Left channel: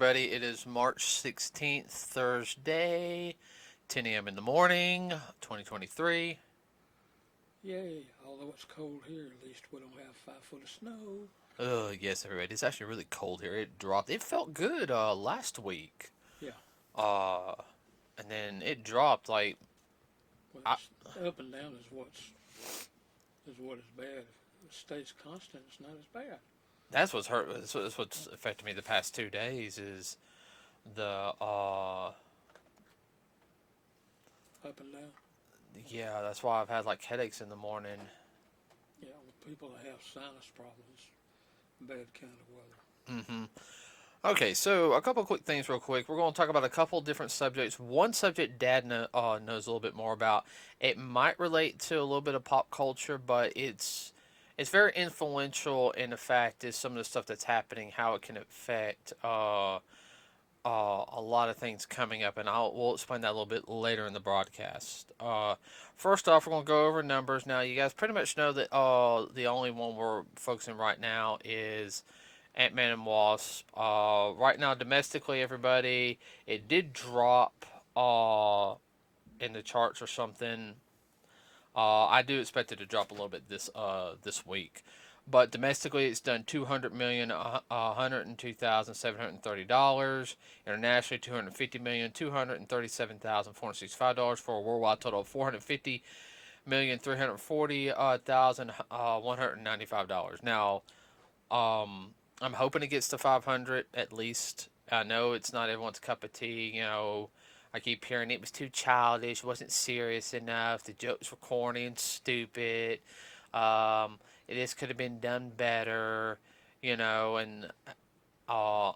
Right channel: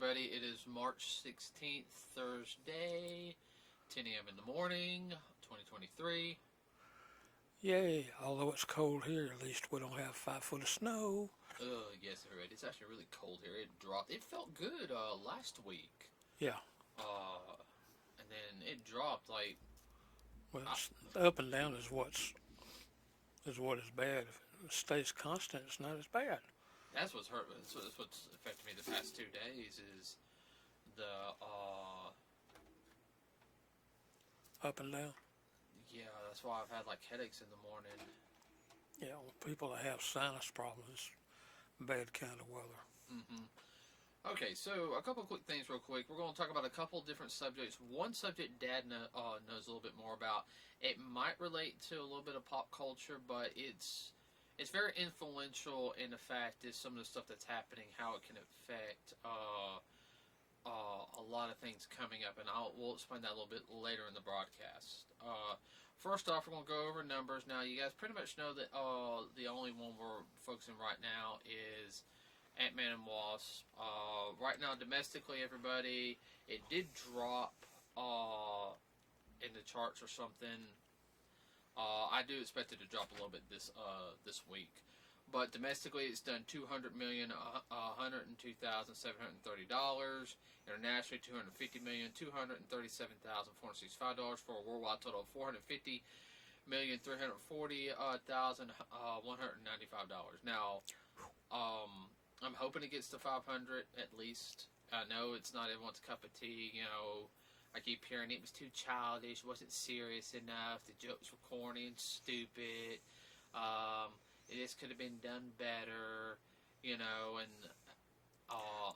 everybody. It is March 16th, Thursday, 10 a.m. in the morning, 2023. Yay, although it's cold here, at least we don't have 5 foot of snow. Oh, yes, everybody. It's actually really cold here. It dropped. It felt good last week. Yeah, Uh, and then it dropped like, well, I, it's up and down is what is bad. If it stays constant, it's not as bad. that's what's hurt. That's what's affected me the past 2 days is the, Up and down. yeah, that's why I've had like headaches in the morning. Yeah, people that have sinus problems, bad kind of weather. hmm Okay, so a couple quick things, real quick. We're going to talk about a couple different subjects. One subject Dad knows a little bit more about. It might relate to a little bit of pop culture, but it's very influential in the fact is some of the stuff that's happening, how it can affect a lot of things coming up, and we'll explain that a little bit later in the broadcast. First off, we're going to go over numbers. Now, you guys pretty much know that the only one we're focusing right now is Ant-Man and Wasp. Right now, domestically, everybody, it did drop in the charts or something. I do expect it to drop a little bit this week, but domestically, it's done 200 million, $102,730. Internationally, 250 million, $237,465 for a worldwide total of $450,340,195. Now, I'm hoping it gets to 500 at least. I know it's not everyone's cup of tea. I keep hearing it was too childish, wasn't serious enough. The jokes were corny and stupid. Um, this could have been done better. And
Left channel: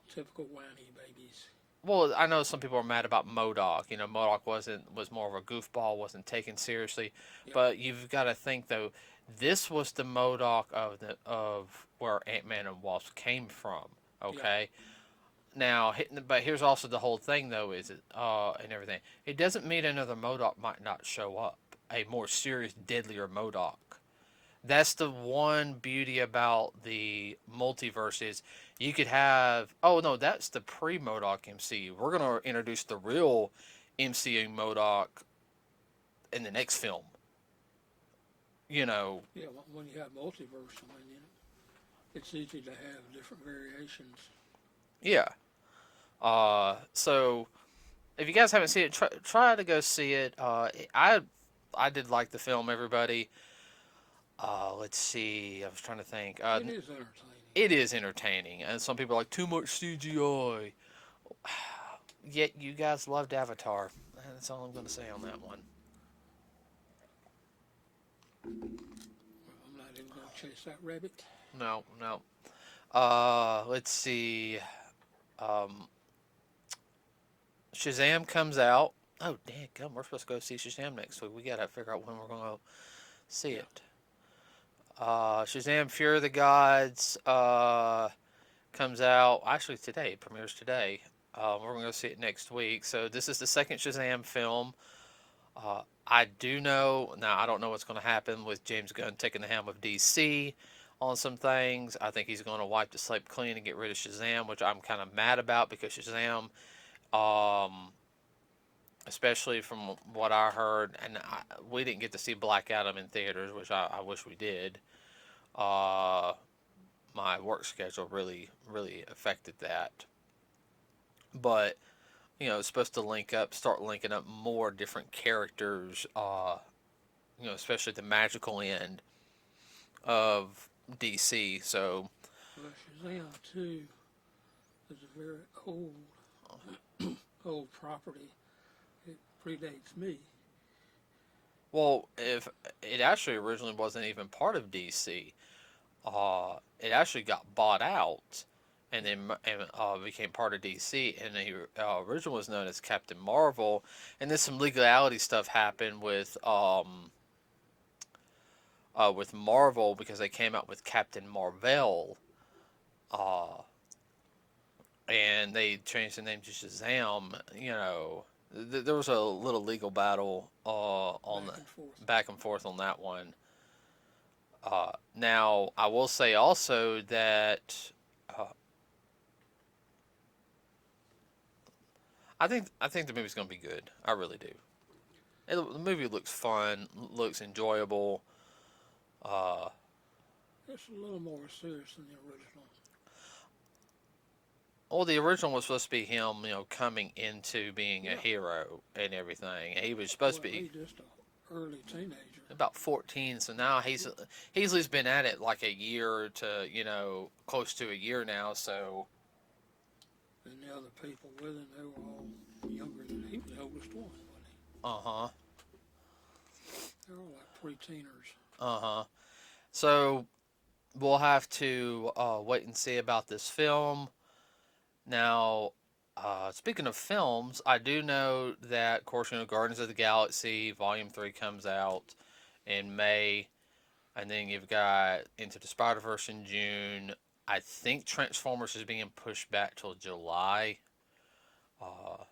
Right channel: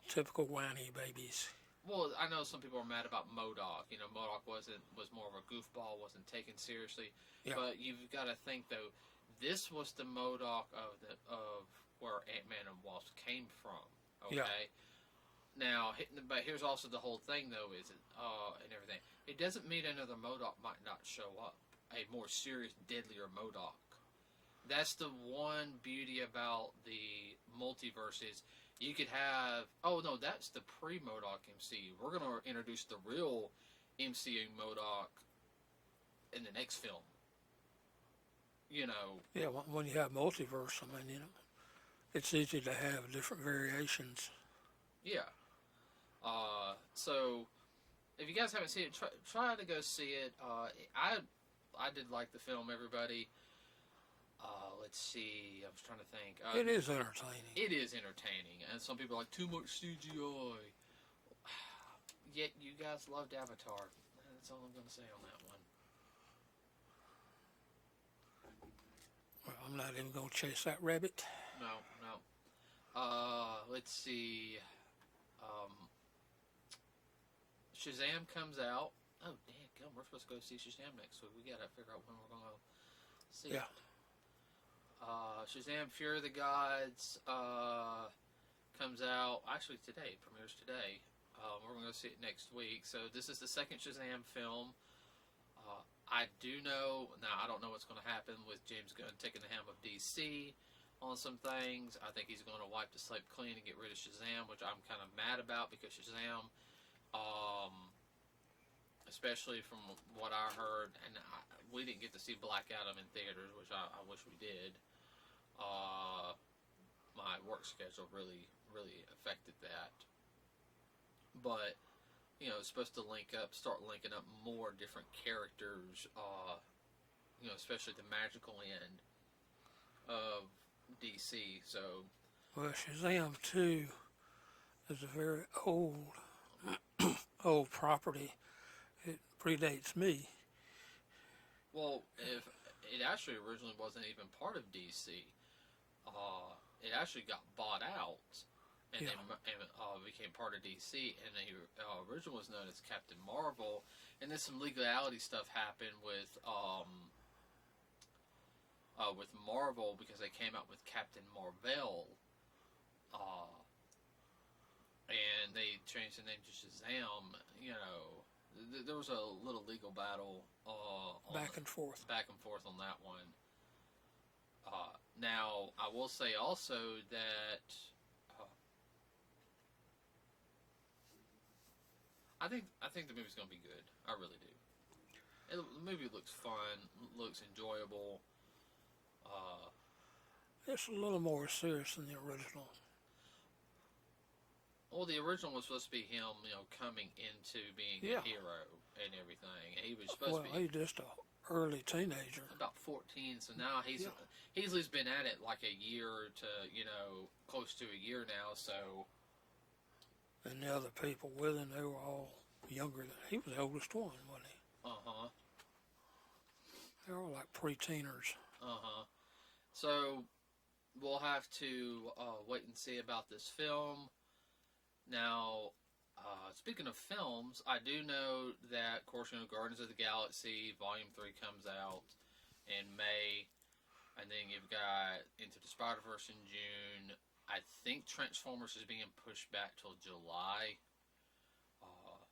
Typical whiny babies. well, I know some people are mad about MODOK. MODOK was more of a goofball, wasn't taken seriously. Yeah, But you've got to think though, this was the MODOK of where Ant Man and Wasp came from. yeah, Okay. Now, but here's also the whole thing though, is it and everything. It doesn't mean another MODOK might not show up. A more serious, deadlier MODOK. That's the one beauty about the multiverse is you could have. Oh no, that's the pre-MODOK MCU. We're gonna introduce the real MCU MODOK in the next film. You know, yeah. When you have multiverse, it's easy to have different variations. yeah. So if you guys haven't seen it, try to go see it. I did like the film. Everybody. Let's see. I was trying to think. It is entertaining. It is entertaining, and some people are like too much CGI. Yet you guys loved Avatar. That's all I'm going to say on that one. Well, I'm not even gonna chase that rabbit. No, no. Let's see. Um, Shazam comes out. Oh, damn, come. We're supposed to go see Shazam next week. We gotta figure out when we're gonna see Yeah, it. Shazam: Fear of the Gods comes out. Actually, today premieres today. We're gonna go see it next week. So this is the second Shazam film. I do know now. I don't know what's going to happen with James Gunn taking the helm of DC on some things. I think he's going to wipe the slate clean and get rid of Shazam, which I'm kind of mad about because Shazam, um, especially from what I heard, and we didn't get to see Black Adam in theaters, which I wish we did. Uh, my work schedule really affected that, but it's supposed to start linking up more different characters. Especially the magical end of DC. So, well, Shazam 2 is a very old property. It predates me. well, if it actually originally wasn't even part of DC, it actually got bought out and Yeah, then became part of DC. And the original was known as Captain Marvel. And then some legality stuff happened with Marvel because they came out with Captain Marvel. Uh, and they changed the name to Shazam. There was a little legal battle on back and forth. back and forth on that one. Now, I will say also that uh, I think the movie's gonna be good. I really do. The movie looks fun, looks enjoyable. Uh, It's a little more serious than the original. well, the original was supposed to be him, coming into being a Yeah. hero and everything. He was supposed Well, to be he's just a early teenager. about 14, so now he's at least been at it like a year to close to a year now. So And the other people with him, they were all younger than he was the oldest one, wasn't he? uh-huh, They were all like pre-teeners. uh-huh. So we'll have to wait and see about this film. Now, speaking of films, I do know that, of course, Guardians of the Galaxy Volume 3 comes out in May, and then you've got Into the Spider-Verse in June. I think Transformers is being pushed back till July, uh,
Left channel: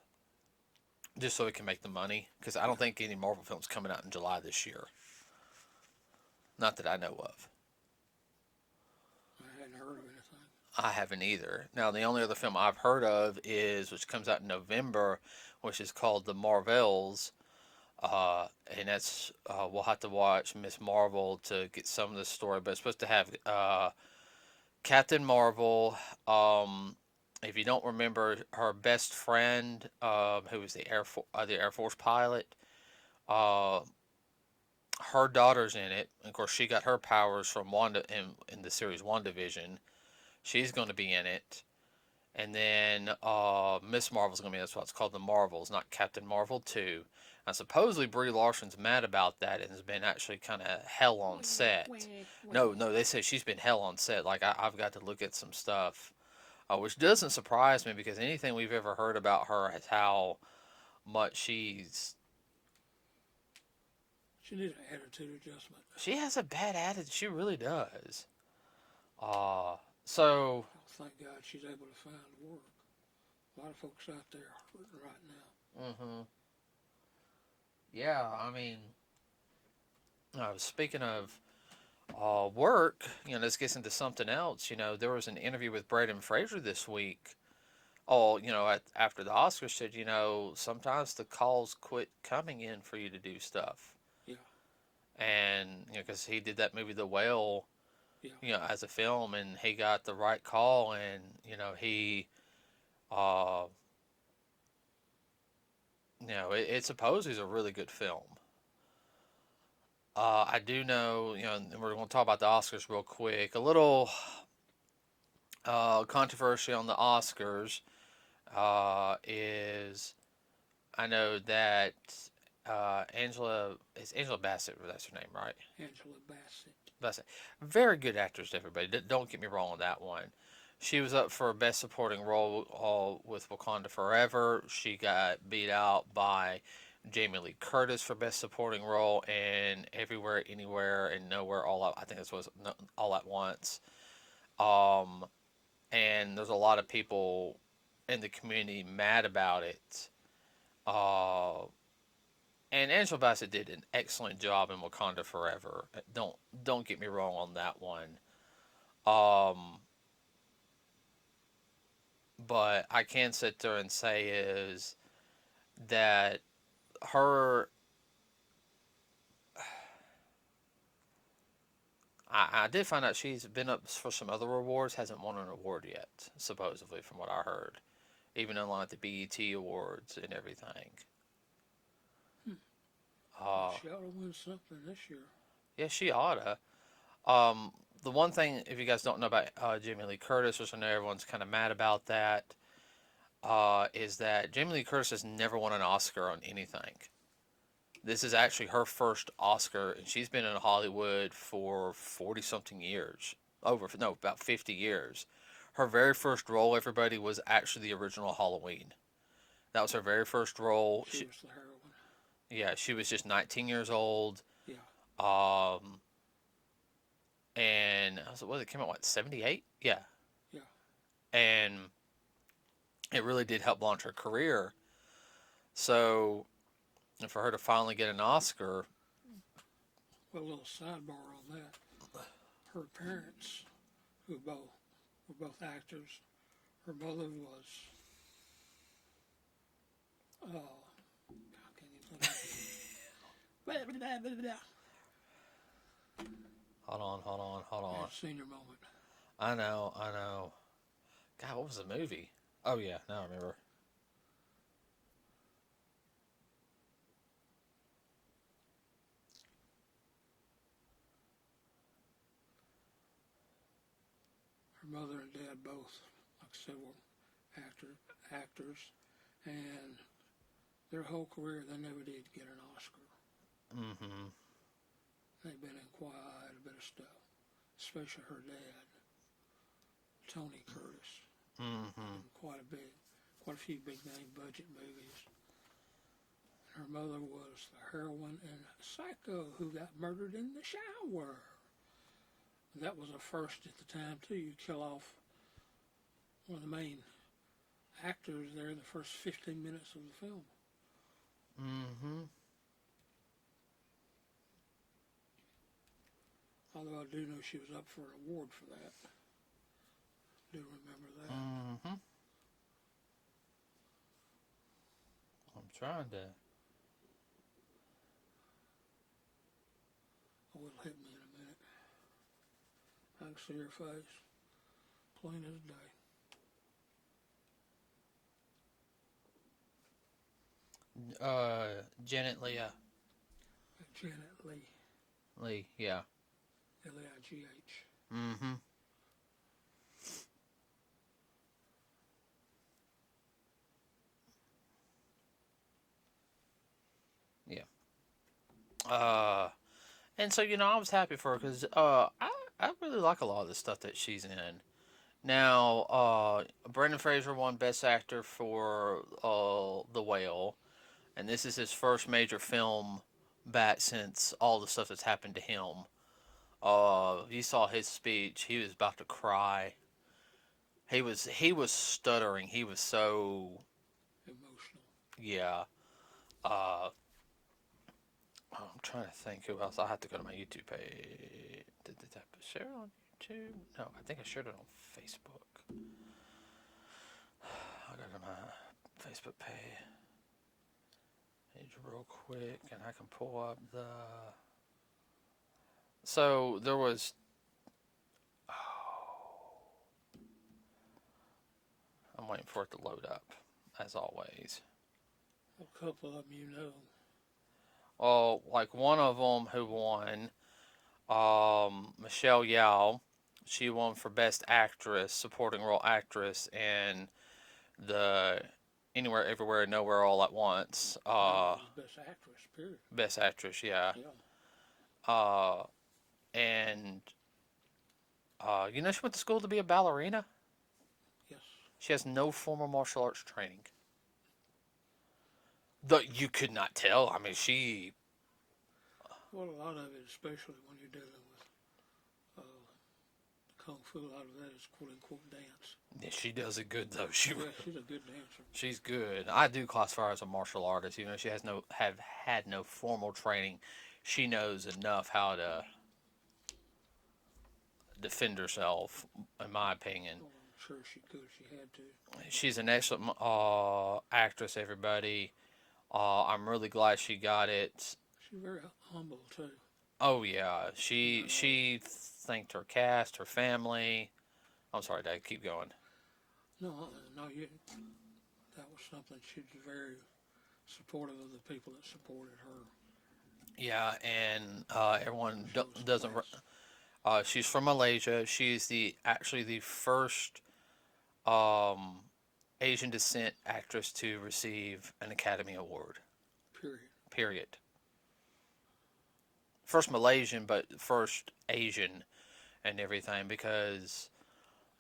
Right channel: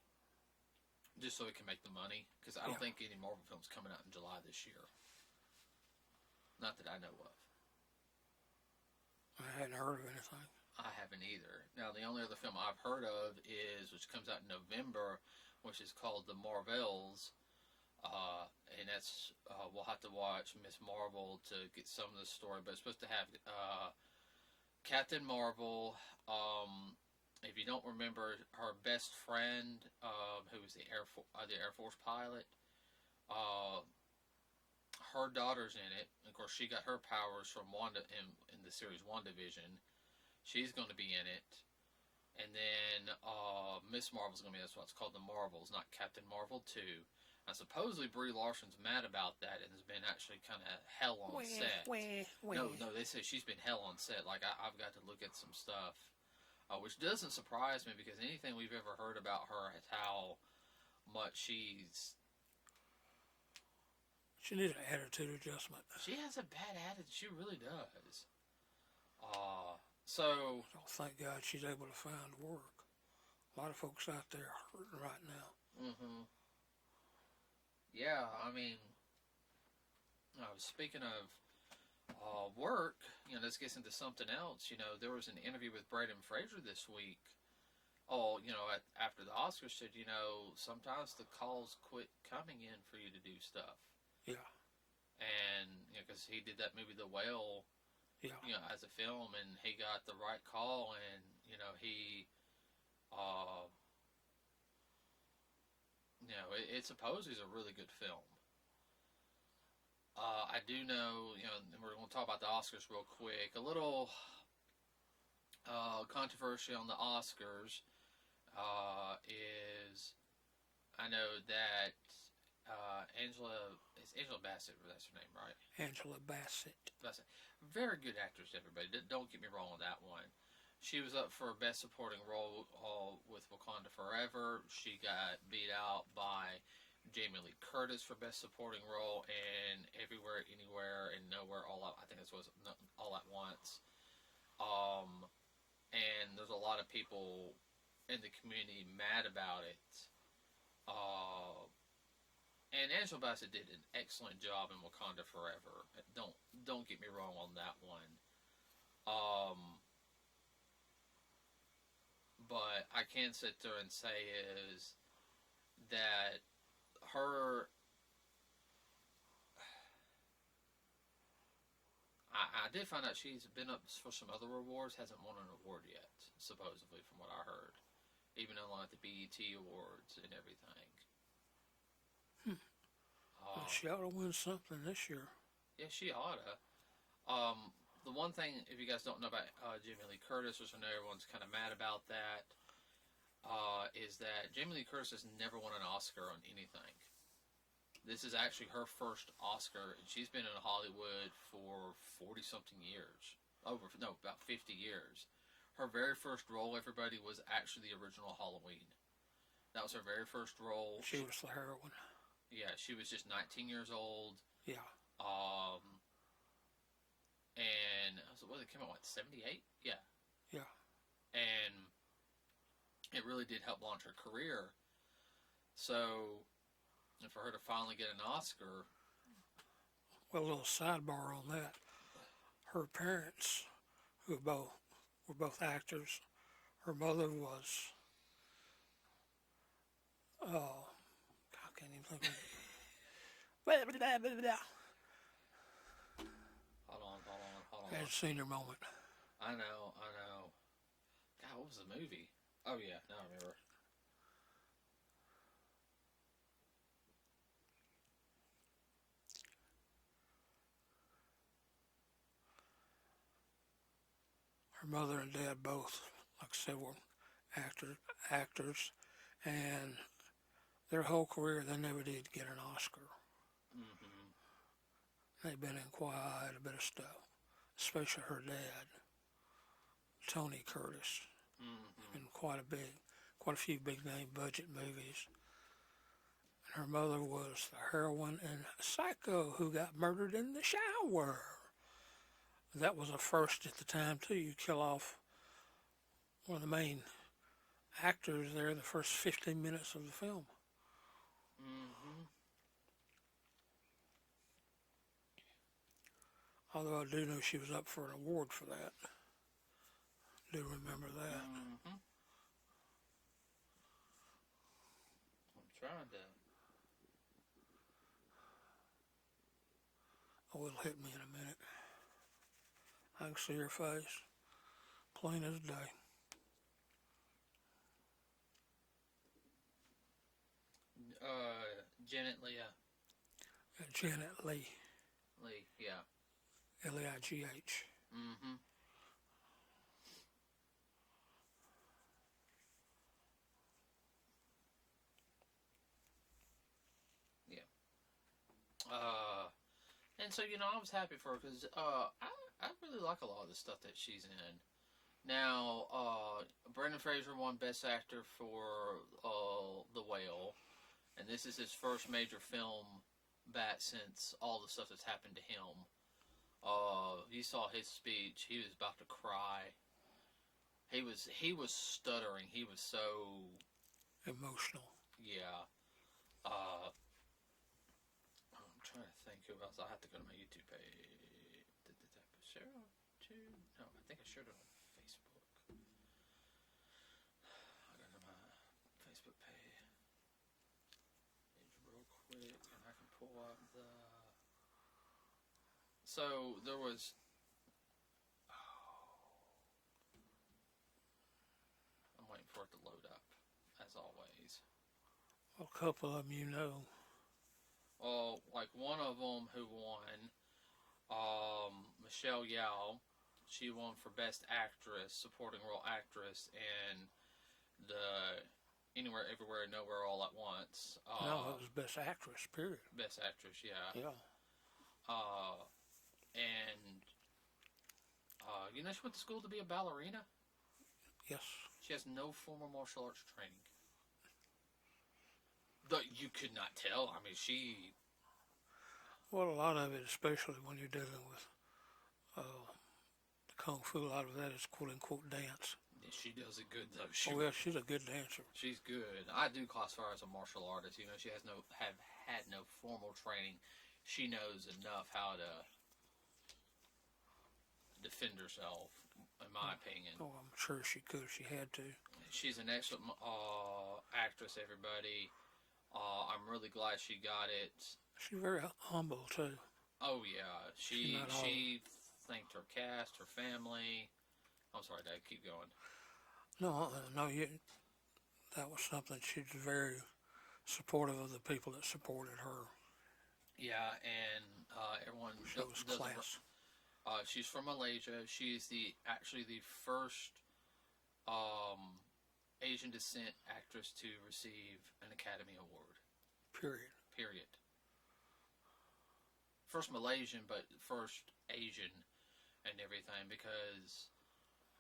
just so it can make the money, because I don't Yeah. think any Marvel films coming out in July this year. Not that I know of. I hadn't heard of anything. I haven't either. Now, the only other film I've heard of is, which comes out in November, which is called The Marvels. And that's we'll have to watch Miss Marvel to get some of the story, but it's supposed to have Captain Marvel. If you don't remember, her best friend, who was the Air Force pilot, uh, her daughter's in it. Of course, she got her powers from Wanda in the series WandaVision. She's going to be in it. And then Miss Marvel's going to be, that's what's called the Marvels, not Captain Marvel 2. And supposedly Brie Larson's mad about that and has been actually kind of hell on set. No, they say she's been hell on set. Like, I've got to look at some stuff, which doesn't surprise me because anything we've ever heard about her is how much She needs an attitude adjustment. she has a bad attitude. She really does. So, Oh, thank God she's able to find work. A lot of folks out there are hurting right now. mhm. Yeah, I mean, speaking of work, this gets into something else. There was an interview with Braden Fraser this week. Oh, after the Oscars said, sometimes the calls quit coming in for you to do stuff. Yeah. And, because he did that movie, The Whale, Yeah. as a film, and he got the right call, and, he, it supposedly is a really good film. I do know, and we're going to talk about the Oscars real quick. A little controversy on the Oscars is I know that Angela Bassett, that's her name, right? Angela Bassett. Bassett. Very good actress, everybody. Don't get me wrong on that one. She was up for Best Supporting Role with Wakanda Forever. She got beat out by Jamie Lee Curtis for Best Supporting Role and Everywhere, Anywhere, and Nowhere All Out. I think this was All at Once. And there's a lot of people in the community mad about it. Uh, and Angela Bassett did an excellent job in Wakanda Forever. Don't get me wrong on that one. But I can sit there and say is that her I did find out she's been up for some other awards, hasn't won an award yet, supposedly, from what I heard. Even in like the BET Awards and everything. Well, she ought to win something this year. Yeah, she oughta. The one thing, if you guys don't know about Jamie Lee Curtis, which I know everyone's kind of mad about that, is that Jamie Lee Curtis has never won an Oscar on anything. This is actually her first Oscar, and she's been in Hollywood for 40 something years. About 50 years. Her very first role, everybody, was actually the original Halloween. That was her very first role. She was the heroine. Yeah, she was just 19 years old. Yeah. And it came out, what, 78? Yeah. Yeah. And it really did help launch her career. So, and for her to finally get an Oscar. Well, a little sidebar on that. Her parents, who were both actors, her mother was I can't even think of it. Hold on. That senior moment. I know. God, what was the movie? Oh yeah, now I remember. Her mother and dad both, like I said, were actors, and their whole career they never did get an Oscar. Mm-hmm. They've been in quite a bit of stuff, especially her dad, Tony Curtis, Mm-hmm. in quite a few big name budget movies. And her mother was the heroine in Psycho, who got murdered in the shower. That was a first at the time too. You kill off one of the main actors there the first 15 minutes of the film. Mm-hmm. Although I do know she was up for an award for that. I do remember that. Mm-hmm. I'm trying to. Oh, it'll hit me in a minute. I can see her face, plain as day. Janet Leah. Janet Leigh, Lee. Yeah. Leigh. Mm-hmm. Yeah. And so I was happy for her because I really like a lot of the stuff that she's in. Now, Brendan Fraser won Best Actor for The Whale, and this is his first major film back since all the stuff that's happened to him. You saw his speech; he was about to cry. He was stuttering. He was so Emotional. yeah. I'm trying to think who else. I have to go to my YouTube page. Did I share it on YouTube? No, I think I shared it on Facebook. I'll go to my Facebook page real quick, and I can pull up the. So there was. Oh, I'm waiting for it to load up, as always. A couple of them you know. Oh, like one of them who won, Michelle Yeoh. She won for Best Actress, Supporting Role Actress, in the Anywhere, Everywhere, Nowhere, All at Once. That was Best Actress, period. Best Actress, yeah. Yeah. Uh, and she went to school to be a ballerina. Yes. She has no formal martial arts training. Though you could not tell. I mean, she. Well, a lot of it, especially when you're dealing with kung fu, a lot of that is quote unquote dance. Yeah, she does it good though. She. Oh, yeah, she's a good dancer. She's good. I do classify her as a martial artist. She has have had no formal training. She knows enough how to defend herself, in my opinion. Oh, I'm sure she could if she had to. She's an excellent actress, everybody. I'm really glad she got it. She's very humble too. Oh yeah, she thanked her cast, her family. I'm sorry, Dad. Keep going. No, that was something. She's very supportive of the people that supported her. Yeah, and everyone doesn't. Class. She's from Malaysia. She's actually the first um, Asian descent actress to receive an Academy Award. Period. Period. First Malaysian, but first Asian and everything, because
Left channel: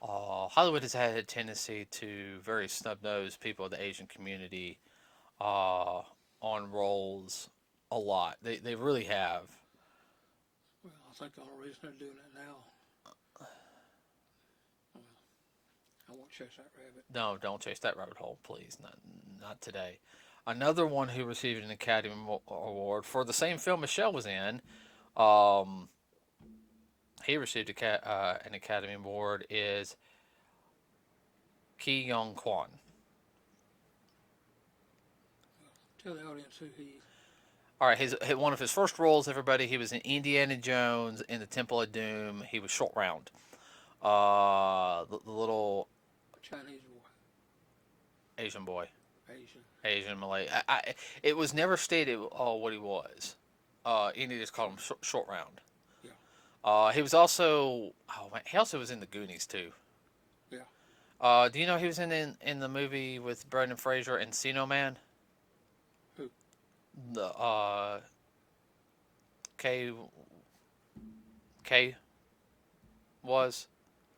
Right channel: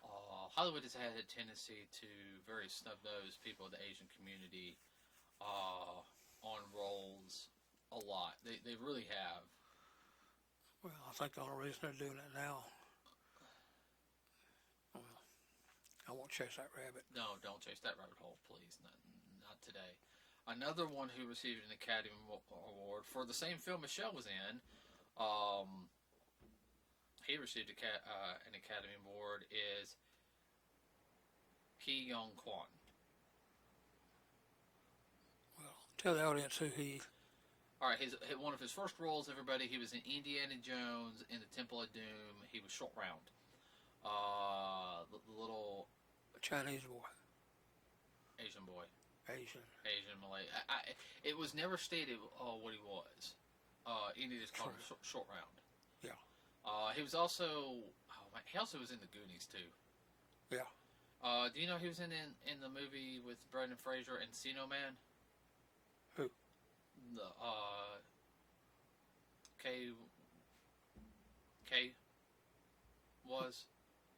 Hollywood has had a tendency to very snub nose people of the Asian community on roles a lot. They really have. Well, I think the only reason they're doing it now, I won't chase that rabbit. No, don't chase that rabbit hole, please. Not today. Another one who received an Academy Award for the same film Michelle was in, he received an Academy Award, is Ki Yong Kwan. Tell the audience who he. All right, one of his first roles, everybody, he was in Indiana Jones in the Temple of Doom. He was Short Round. The little Chinese boy. Asian boy, Asian. Asian Malay. It was never stated what he was. Indy just called him Short Round. Yeah. He was also he also was in the Goonies too. Yeah. Do you know he was in the movie with Brendan Fraser, Encino Man? Who? The K K was.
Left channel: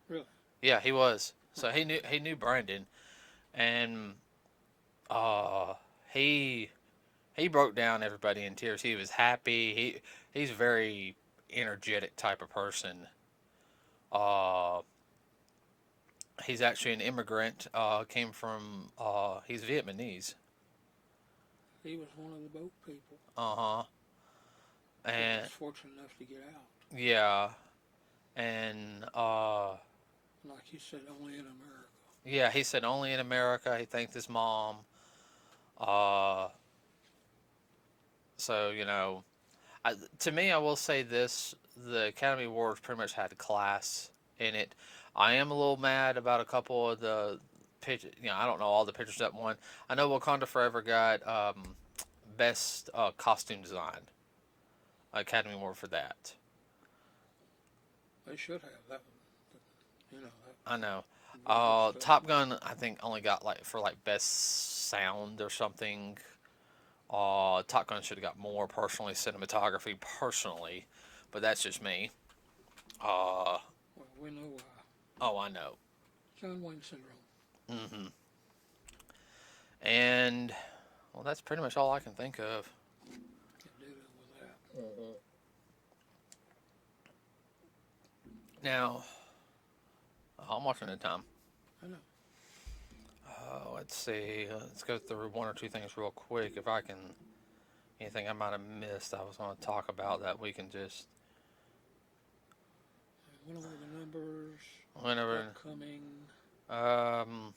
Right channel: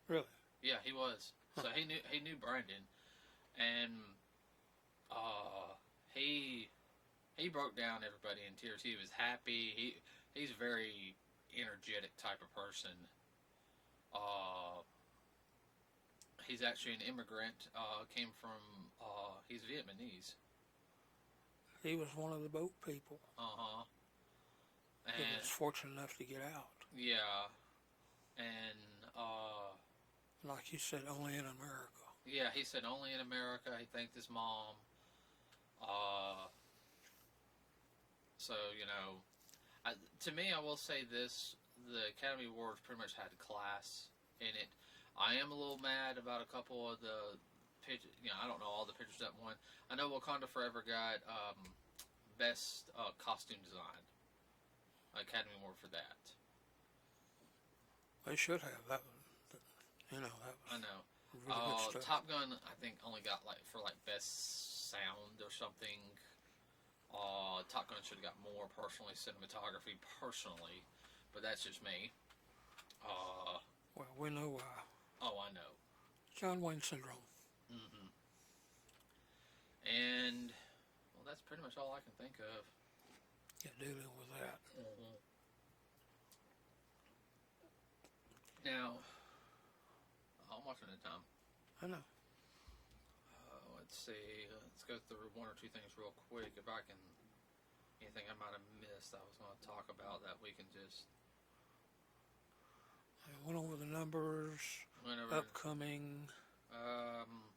Really? Yeah, he was. Huh. So he knew Brandon, and uh, he he broke down everybody in tears. He was happy. He's a very energetic type of person. Uh, he's actually an immigrant. Came from he's Vietnamese. He was one of the boat people. Uh huh. He And was fortunate enough to get out. yeah, and Like you said, only in America. yeah, he said only in America. He thanked his mom. Uh, so to me, I will say this: the Academy Awards pretty much had class in it. I am a little mad about a couple of the pictures. I don't know all the pictures that won. I know Wakanda Forever got best costume design Academy Award for that. They should have that. You know that. I know. Really good stuff. Top Gun, I think, only got for best sound or something. Top Gun should have got more personally, cinematography personally, but that's just me. Uh, Well, we know why. oh, I know. John Wayne syndrome. Hmm. And well, that's pretty much all I can think of. Get dealing with that. Mm-hmm. Now, I'm watching the time. I know. Let's see. Let's go through one or two things real quick. If I can, anything I might have missed, I was going to talk about that we can just. I went over the numbers. Whenever. Upcoming. Um.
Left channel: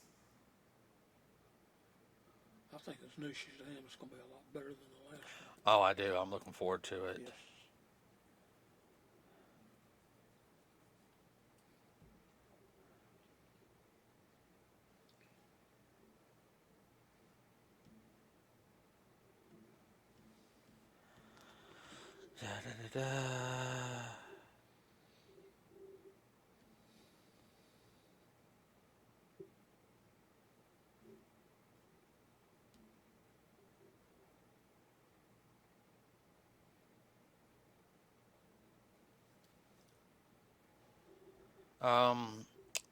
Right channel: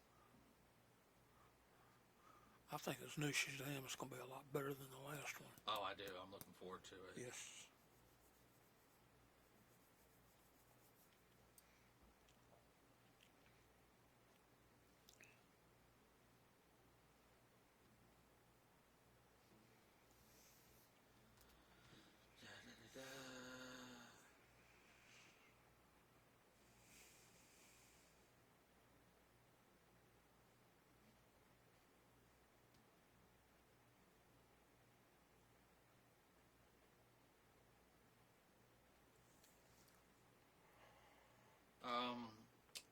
I think this new Shazam is going to be a lot better than the last one. Oh, I do. I'm looking forward to it. Yes. Da, da, da, da.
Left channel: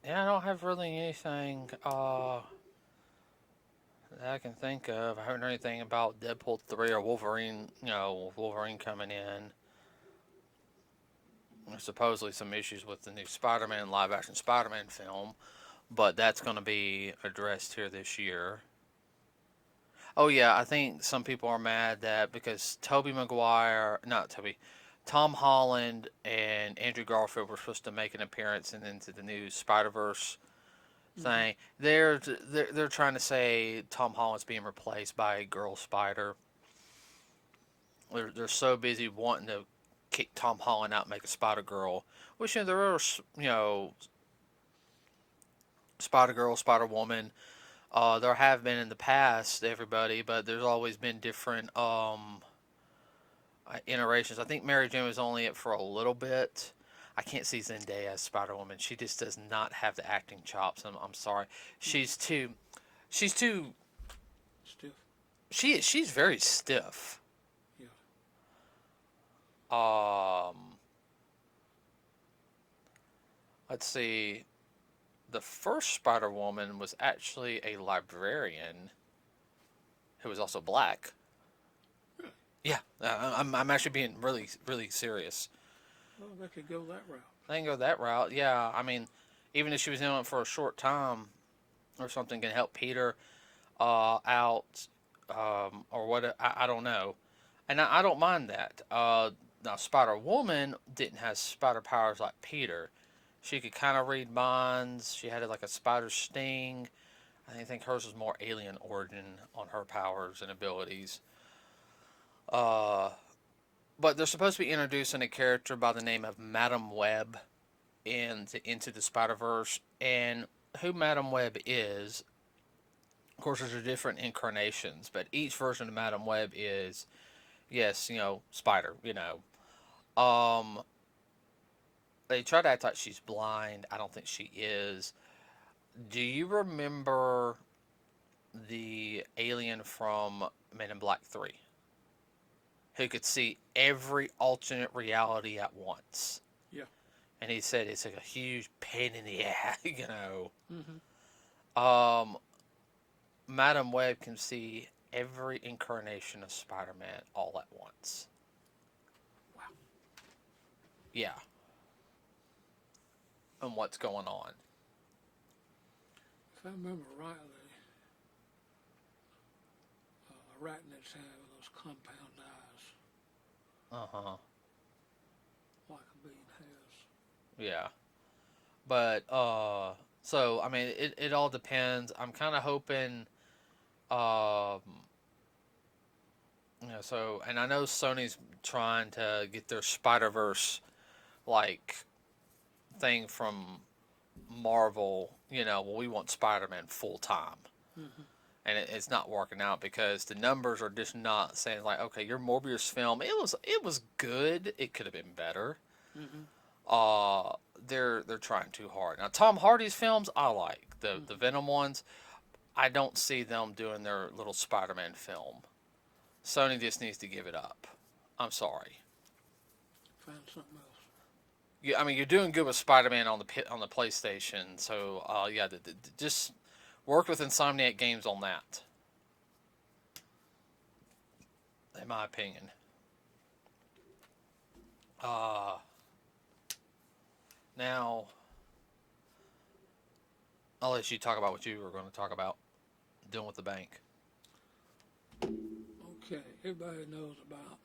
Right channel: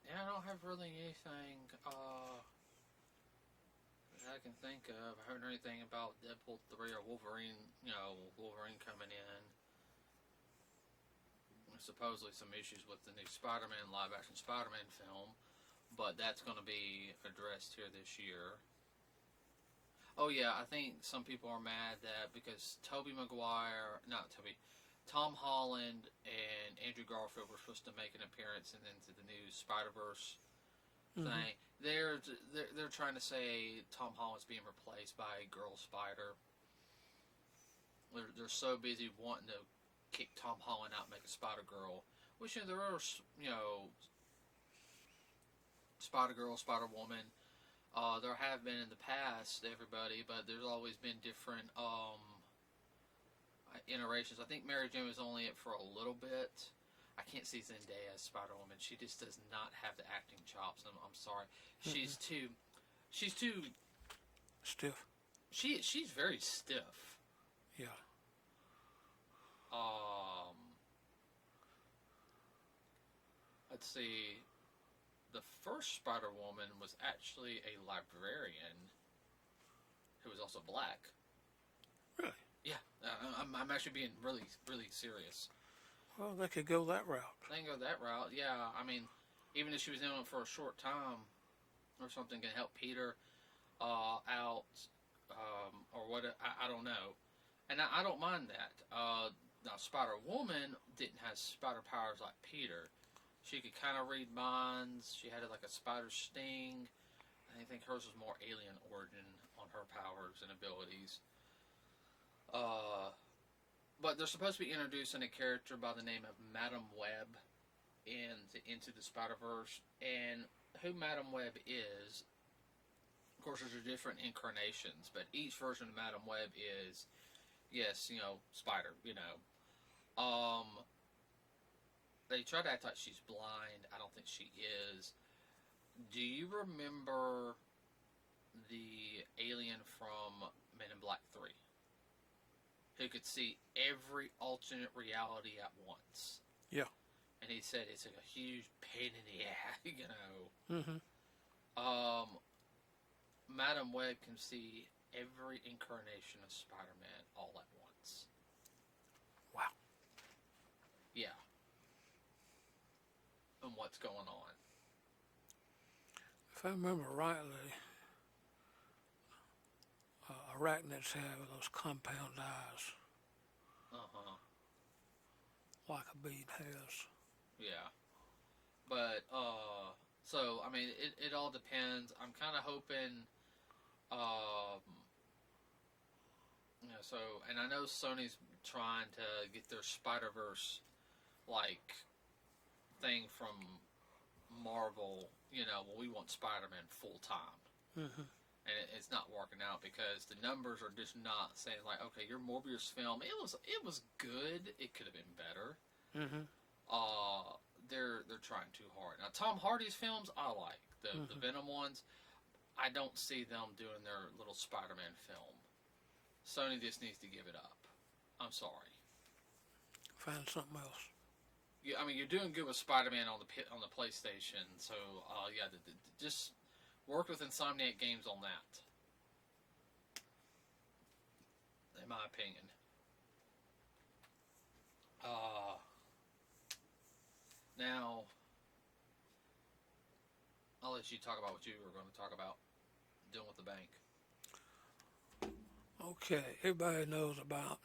Yeah, I don't have really anything that I can think of. I haven't heard anything about Deadpool 3 or Wolverine, Wolverine coming in. There's supposedly some issues with the new Spider-Man live-action Spider-Man film, but that's going to be addressed here this year. Oh yeah, I think some people are mad that because Tom Holland and Andrew Garfield were supposed to make an appearance into the new Spider-Verse thing. They're trying to say Tom Holland's being replaced by a girl spider. They're so busy wanting to kick Tom Holland out and make a Spider Girl, which there are Spider Girl, Spider Woman. There have been in the past, everybody, but there's always been different iterations. I think Mary Jane was only it for a little bit. I can't see Zendaya as Spider Woman. She just does not have the acting chops. I'm sorry. She's too. Stiff. She's very stiff. Yeah. Let's see. The first Spider Woman was actually a librarian who was also black. Really? Yeah, I'm actually being really, really serious. Well, they could go that route. They can go that route. Yeah, I mean, even if she was in it for a short time or something, can help Peter out or what? I don't know, and I don't mind that. Now, Spider Woman didn't have spider powers like Peter. She could kind of read minds. She had like a spider sting. I think hers is more alien origin on her powers and abilities. Uh, but they're supposed to be introducing a character by the name of Madam Web into the Spider Verse, and who Madam Web is. Of course, there's different incarnations, but each version of Madam Web is, yes, Spider. They try to act like she's blind. I don't think she is. Do you remember the alien from Men in Black 3 who could see every alternate reality at once? Yeah. And he said it's like a huge pain in the ass. Mm-hmm. Um, Madam Web can see every incarnation of Spider-Man all at once. Wow. Yeah. And what's going on. If I remember rightly, arachnids have those compound eyes, Uh-huh. like a bead has. Yeah. But, so, I mean, it all depends. I'm kind of hoping, um, so, and I know Sony's trying to get their Spider-Verse, like, thing from Marvel, well, we want Spider-Man full time. Mm-hmm. And it's not working out because the numbers are just not saying like, okay, your Morbius film, it was good. It could have been better. Mm-hmm. They're trying too hard. Now Tom Hardy's films I like the Venom ones. I don't see them doing their little Spider-Man film. Sony just needs to give it up. I'm sorry. Find something else. Yeah, I mean you're doing good with Spider-Man on the PlayStation. So yeah, just work with Insomniac Games on that. In my opinion. Now, I'll let you talk about what you were going to talk about doing with the bank. Okay, everybody knows about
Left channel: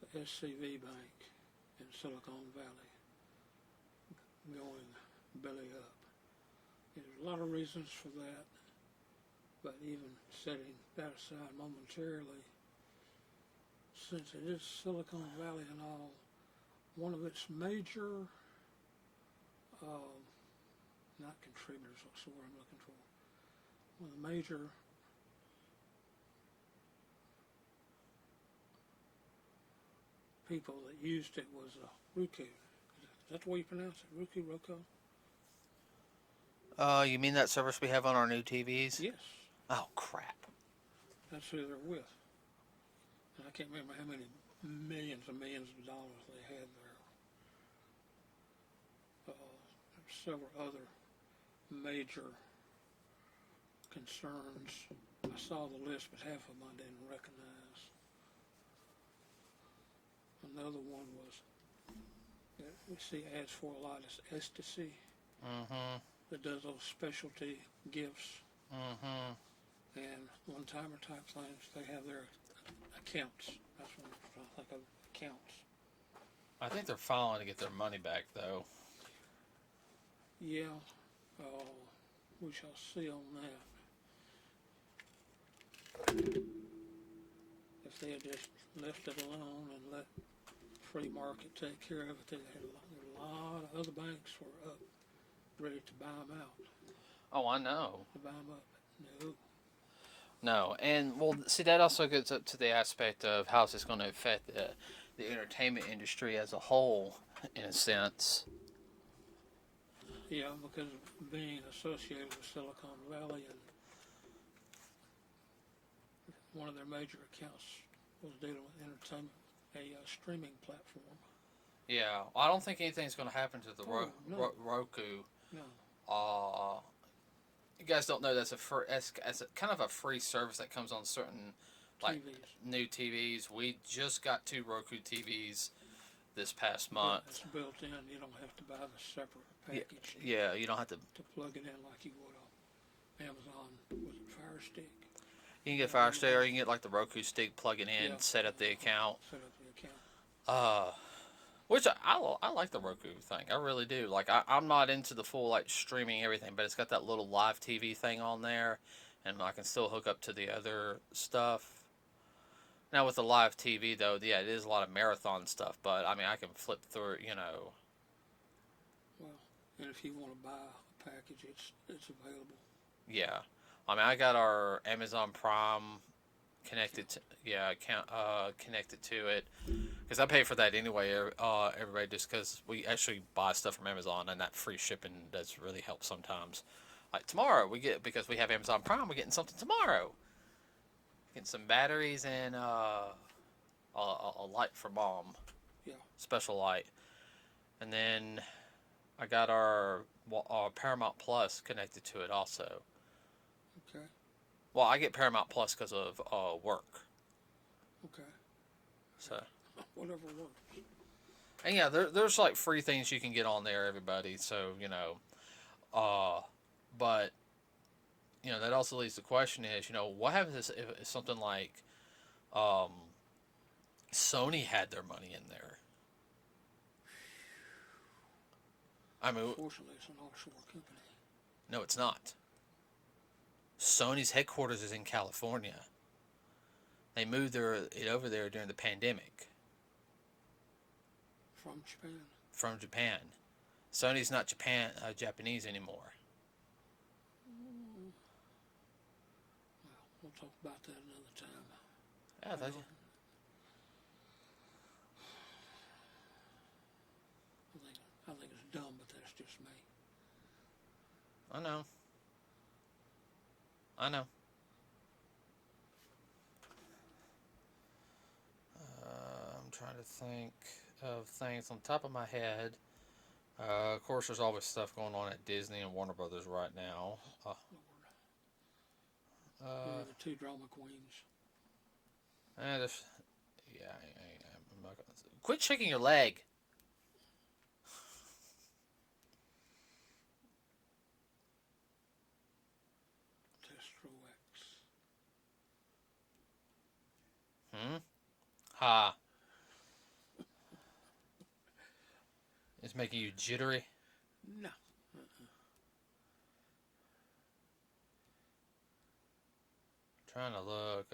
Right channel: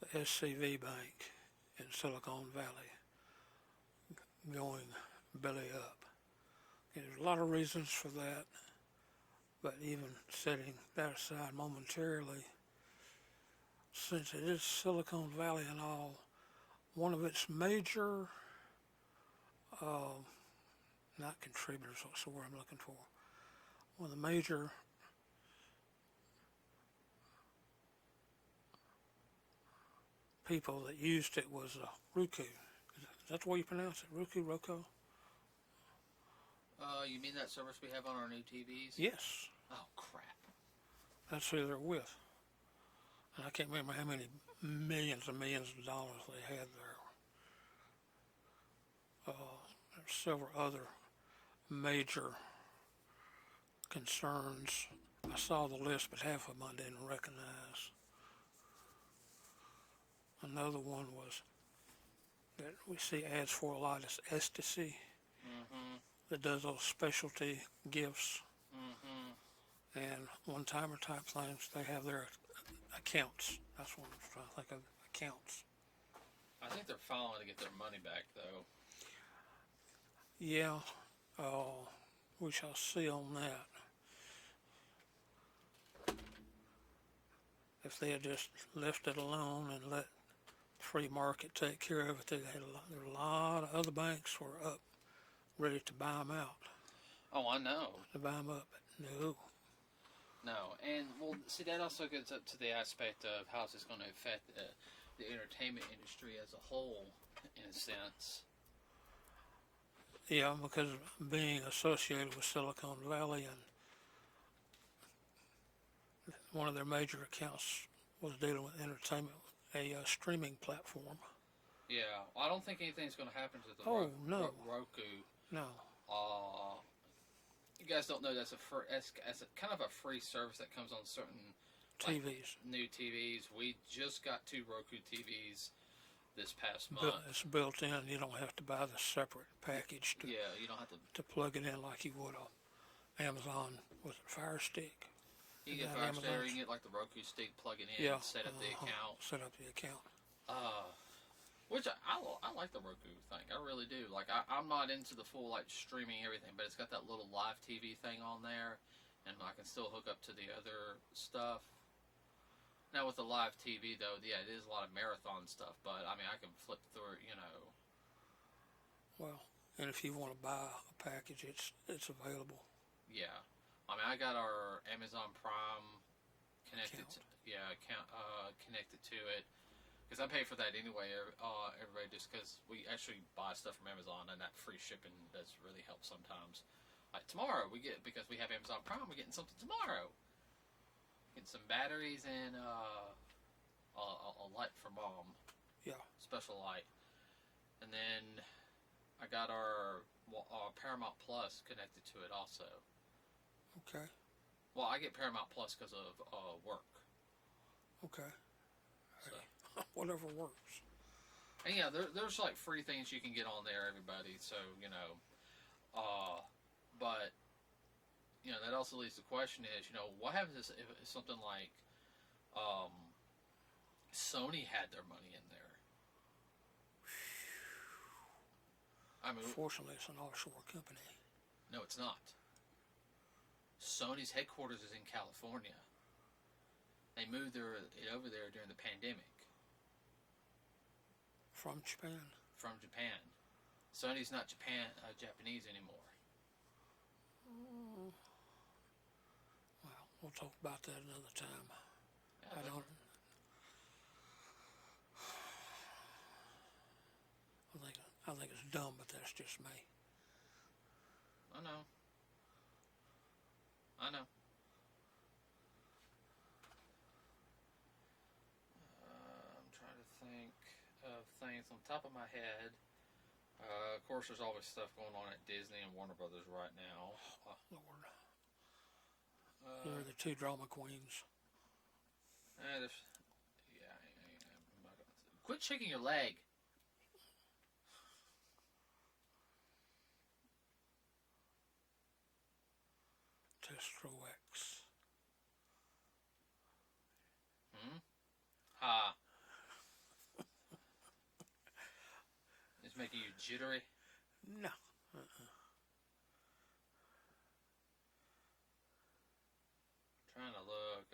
the SCV Bank in Silicon Valley going belly up. And there's a lot of reasons for that, but even setting that aside momentarily, since it is Silicon Valley and all, one of its major, not contributors, what's the word I'm looking for? One of the major people that used it was Roku. Is that the way you pronounce it? Roku? You mean that service we have on our new TVs? Yes, Oh, crap. that's who they're with. And I can't remember how many millions and millions of dollars they had there. There's several other major concerns. I saw the list, but half of them I didn't recognize. Another one was that we see ads for a lot is Ecstasy Mm-hmm. that does those specialty gifts Mm-hmm. and one-timer type things. They have their accounts. That's what I'm trying to think of. Accounts. I think they're filing to get their money back, though. Yeah, we shall see on that. If they had just left it alone and let free market take care of it, there were a lot of other banks were up, ready to buy them out, Oh, I know. to buy them up. No. No, and well, see that also gets up to the aspect of how it's going to affect the entertainment industry as a whole, in a sense. Yeah, because being associated with Silicon Valley and one of their major accounts was dealing with entertainment, a streaming platform. Yeah, I don't think anything's going to happen to the No. Roku. No. You guys don't know that's as a kind of a free service that comes on certain like TVs. new TVs. We just got 2 Roku TVs this past month. It's built in. You don't have to buy the separate package Yeah, you don't have to. to plug it in like you would on Amazon. Was it Fire Stick? You can get Fire Stick, or you can get like the Roku stick, plug it in, Yeah. set up the account. Set up the account. Uh, Which I like the Roku thing. I really do. Like I'm not into the full like streaming everything, but it's got that little live TV thing on there, and I can still hook up to the other stuff. Now with the live TV though, yeah, it is a lot of marathon stuff. But I mean, I can flip through. Well, and if you want to buy a package, it's available. Yeah. I mean, I got our Amazon Prime connected Account. to connected to it because I pay for that anyway. Everybody just because we actually buy stuff from Amazon and that free shipping does really help sometimes. Like tomorrow we get because we have Amazon Prime, we're getting something tomorrow. Getting some batteries and a light for mom, Yeah. special light, and then I got our Paramount Plus connected to it also. Okay. Well, I get Paramount Plus because of work. Okay. So, Whatever works. and yeah, there's like free things you can get on there, everybody. So but that also leads to the question is, what happens if something like um, Sony had their money in there? I mean, Fortunately, it's an offshore company. no, it's not. Sony's headquarters is in California. They moved it over there during the pandemic From Japan. from Japan. Sony's not Japanese anymore. Well, we'll talk about that another time. Yeah, I know. I think it's dumb, but that's just me. I know. I know. I'm trying to think of things on top of my head. Of course, there's always stuff going on at Disney and Warner Brothers right now. Lord. Uh, You're the two drama queens. there's, yeah, I'm not gonna, quit shaking your leg. Testro X. Hmm? Ha. It's making you jittery. No. Trying to look.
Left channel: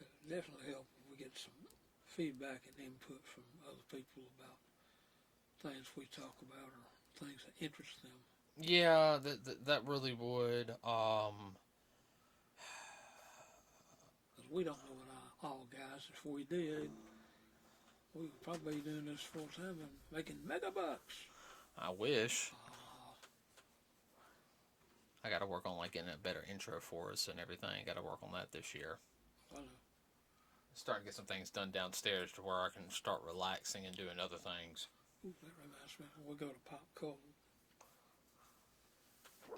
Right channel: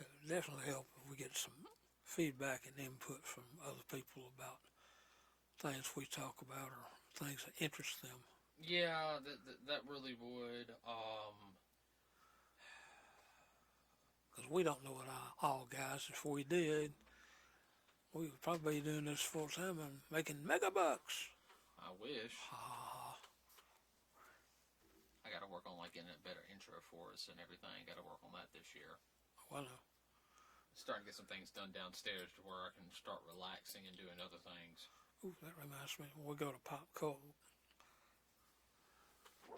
It would definitely help if we get some feedback and input from other people about things we talk about or things that interest them. Yeah, that really would. Because we don't know it all, guys. If we did, we would probably be doing this full time and making mega bucks. I wish. I got to work on like getting a better intro for us and everything. Got to work on that this year. Well, no. Starting to get some things done downstairs to where I can start relaxing and doing other things. Ooh, that reminds me. We'll go to Pop Cold.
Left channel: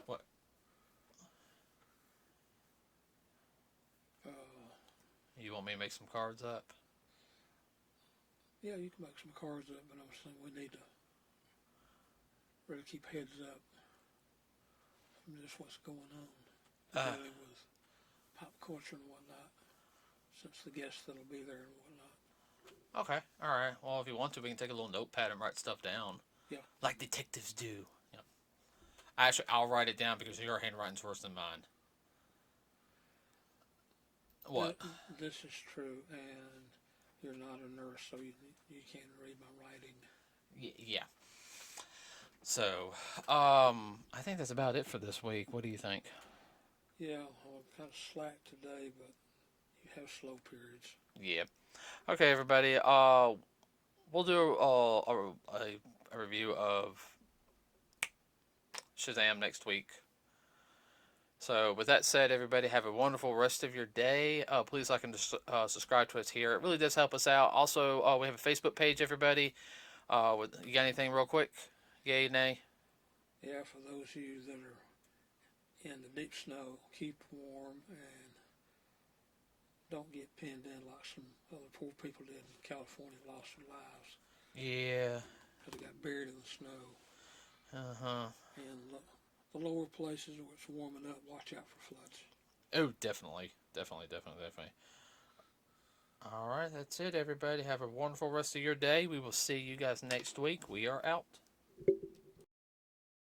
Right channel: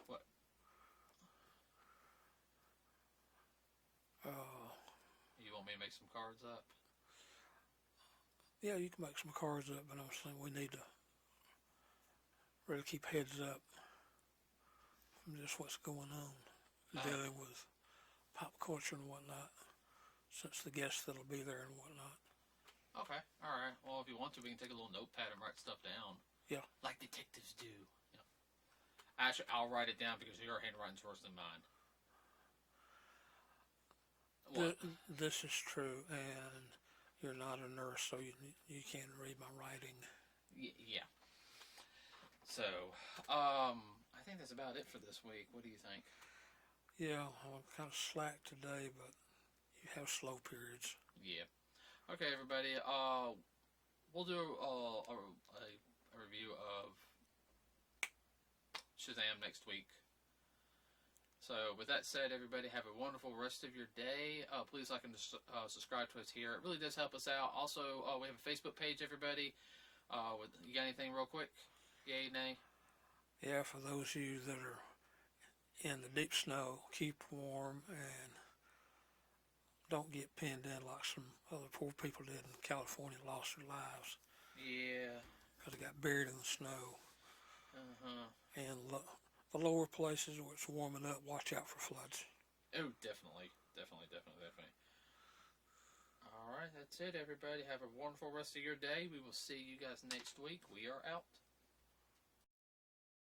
What? You want me to make some cards up? Yeah, you can make some cards up, but I'm saying we need to really keep heads up from just what's going on daily with pop culture and whatnot, since the guests that'll be there and whatnot. Okay, all right. Well, if you want to, we can take a little notepad and write stuff down. Yeah. Like detectives do. Yeah. Actually, I'll write it down because your handwriting's worse than mine. What? This is true, and you're not a nurse, so you can't read my writing. Yeah. So, I think that's about it for this week. What do you think? Yeah, I'm kind of slack today, but you have slow periods. Yeah. Okay, everybody. We'll do a review of Shazam next week. So, with that said, everybody have a wonderful rest of your day. Please like and subscribe to us here. It really does help us out. Also, we have a Facebook page, everybody. You got anything real quick? Yay, nay? Yeah, for those of you that are in the deep snow, keep warm and don't get pinned in like some other poor people did in California, lost their lives. Yeah. Because they got buried in the snow. Uh-huh. And the lower places where it's warming up, watch out for floods. Oh, definitely, definitely, definitely, definitely. All right, that's it, everybody. Have a wonderful rest of your day. We will see you guys next week. We are out.